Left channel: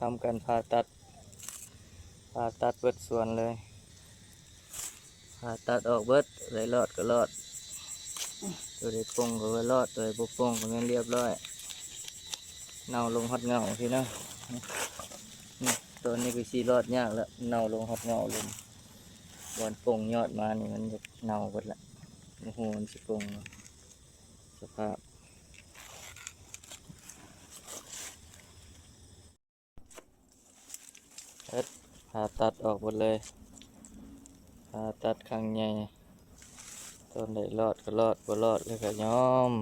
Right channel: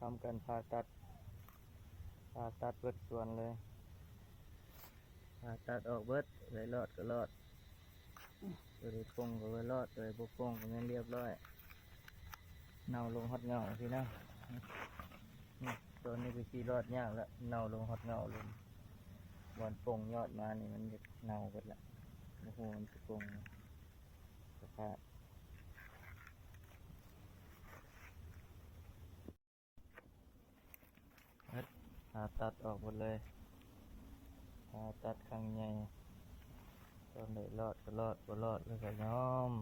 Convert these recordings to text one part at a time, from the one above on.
ทำการผ่าตัดเบิดส่วนเลยผ่าตัดออกเบิดเลยรอดก็รอดตัวได้ปงก็ว่ารอดตัวได้บ่ปงก็งั้นเรียบร้อยเน่าลงฮอดเงาพี่นะนี่ตัวนี้คือสีรอดยากแล้วเน่าลงฮอดเงาเลยบอนปงยอดมานี่มันจะเน่าหมดละโอ้โหมันสิปงสภาพผ่าตัดออกหมดเลยผ่าตัดครั้งใหญ่ต้นได้รอดก็รอดบ่รอดเลยก็ยอม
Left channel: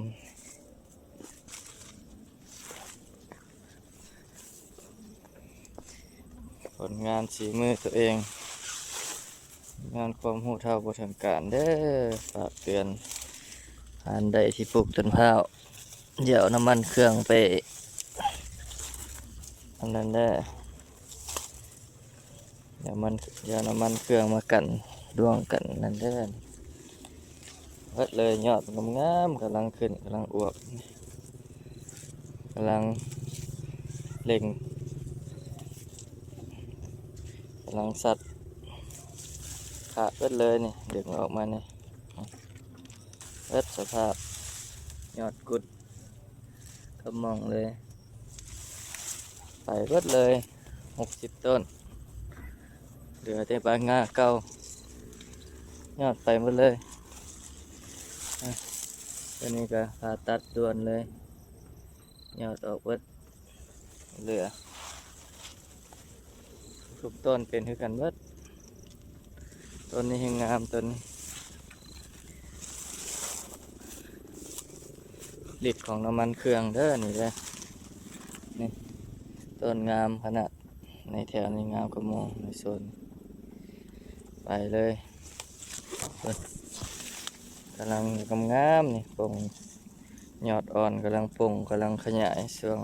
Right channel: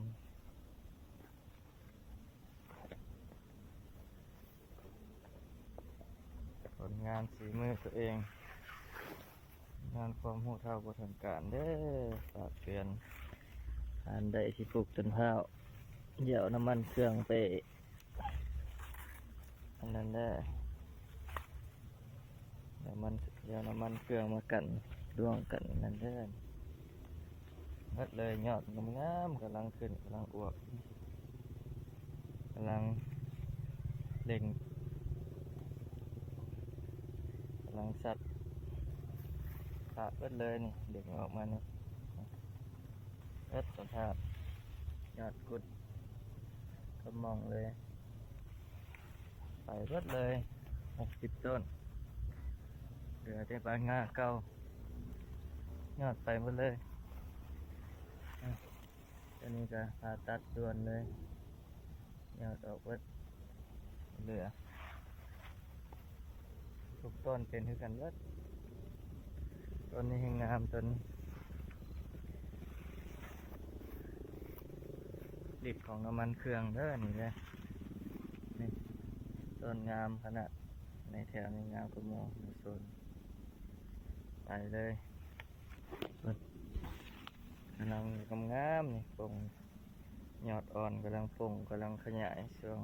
ผลงานสีมือตัวเองงานความรู้เท่าบ่ถึงการเด้อฝากเตือนอันใดที่ปลูกต้นข้าวเดี๋ยวน้ำมันเครื่องไปอันนั้นได้เดี๋ยวน้ำมันเครื่องมากันดวงกันนั่นเด้อเบิดเลยยอดงามๆกำลังขึ้นกำลังอวบกำลังเล็งกำลังสัดขาดเบิดเลยนี่ดึงออกมานี่เบิดสภาพยอดกุดกระมองเลยไปเบิดเลย60 ต้นเหลือแต่ใบงาเก่ายอดไปหมดเลยตัวนี้ก็ผ่าตัดด่วนเลยยอดออกเบิดเหลือทุกต้นเป็นคือกันเบิดต้นนี้ยังงามต้นฤทธิ์ของน้ำมันเครื่องเด้อนี่เลยนี่ต้นงามขนาดในแถวนี้งามกระมองในโซนไปเลยกำลังงามนี่ปงยอดอ่อนกำลังปงกำลังขยายช่วง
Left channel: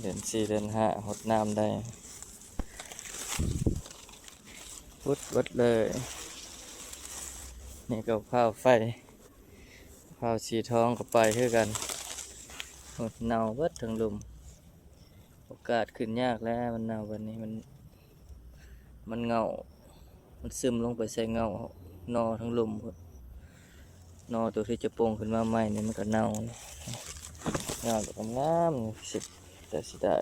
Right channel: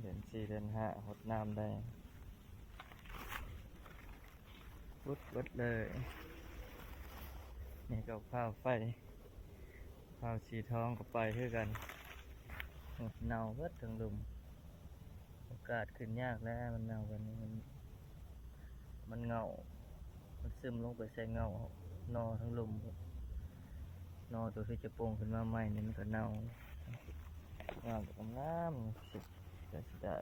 เดือน4 เดือน 5หดน้ำได้พุดวัดเลยนี่ก็ข้าวไฟข้าวสีทองก็ไปคือกันหดเน่าเบิดทั้งลุมโอกาสขึ้นยากแล้วมันเน่าวันนี้มันเงามันซึมลงไปใส่เงานอทั้งลุมนอตัวที่จะโป่งขึ้นมาใหม่นี่มันก็เน่าเงาแบบงามสิแต่สิได้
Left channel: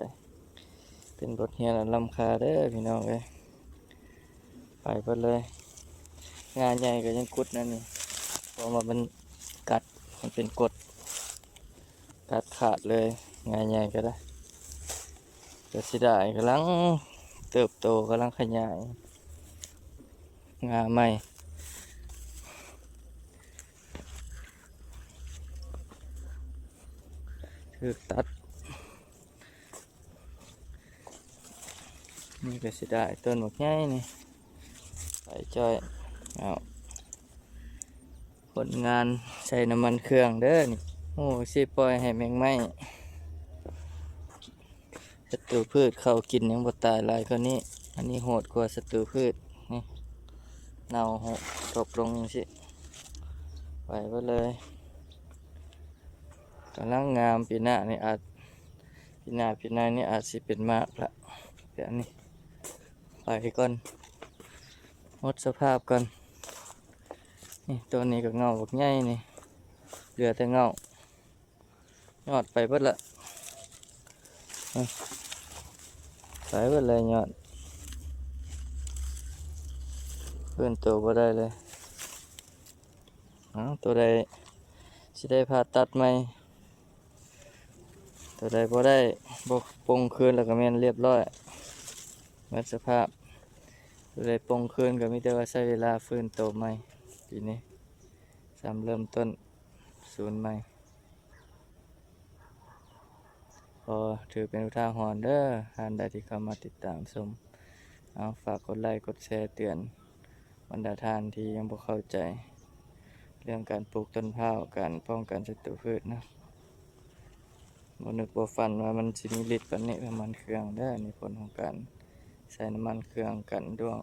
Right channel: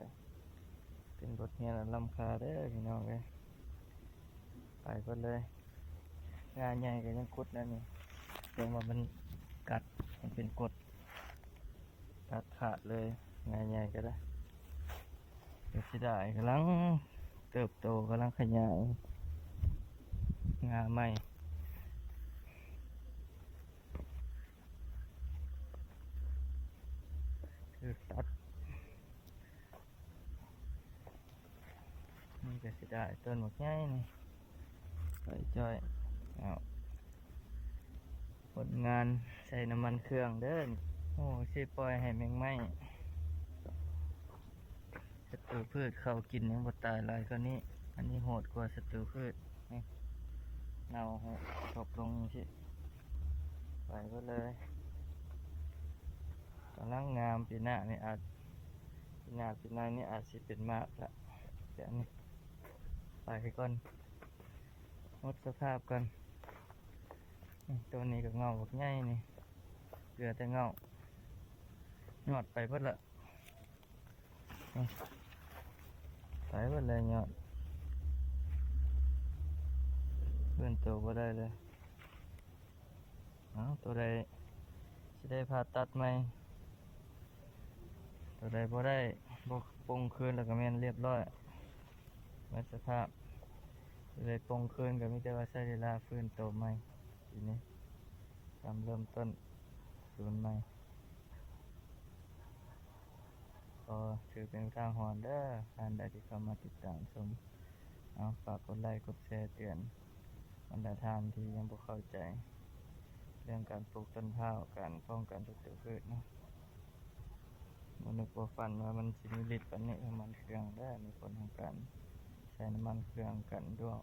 เป็นบทเรียนอันล้ำค่าเด้อพี่น้องเลยไปเบิดเลยงานใหญ่ก็ยังกุดนั่นนี่เพราะว่ามันกัดมันเป็นกดกัดขาดเลยงานใหญ่ก็ได้แต่สิได้กำลังเติบโตกำลังขยายงาใหม่คือตัดนี่ก็สิได้ต้นหมกใหญ่นี่ไปจ้อยเอาผลงานใส่น้ำมันเครื่องเด้อนี่โอ้สิปล่อยให้แมงไม้ศัตรูพืชเข้ากินยังบ่ตายหลายกว่านี้อันนี้โหดกว่าศัตรูพืชนี่เน่าหกตกลงสิไปก็เลยกำลังงามปีหน้านี่อาจปีหน้านี่อาจสิเป็นมากละเดี๋ยวนี้ไปก่อนหมดสภาพก่อนนี่ตัวนี้ก็เงาบักใหญ่นี่เหลือแต่เงายอดไปเบิดละไปเบิดเลยยอดเพื่อนตัวบ่ได้เลยตัวใดสิได้ผ่าตัดไหมตัวใดบ่ได้บ่ปงคืนแล้วก็แม่นเรียบร้อยหมดสภาพตัวใดปงคืนก็มีแต่ว่าใช้เวลาฟื้นตัวใหม่ปีนี้เริ่มต้นศูนย์ใหม่พอถือเป็นอุทาหรณ์เด้อท่านใดที่เข้ามาติดตามชมฝากกดไลค์กดแชร์เตือนบรรดาท่านที่ยังบ่เข้าใจเรื่องการปลูกต้นข้าวการป้องกันศัตรูพืชนะบ่นึกบ่ฝันว่ามันสิมีฤทธิ์ปานนี้น้ำมันเครื่องได้ในผลของการใช้น้ำมันเครื่องกันดวง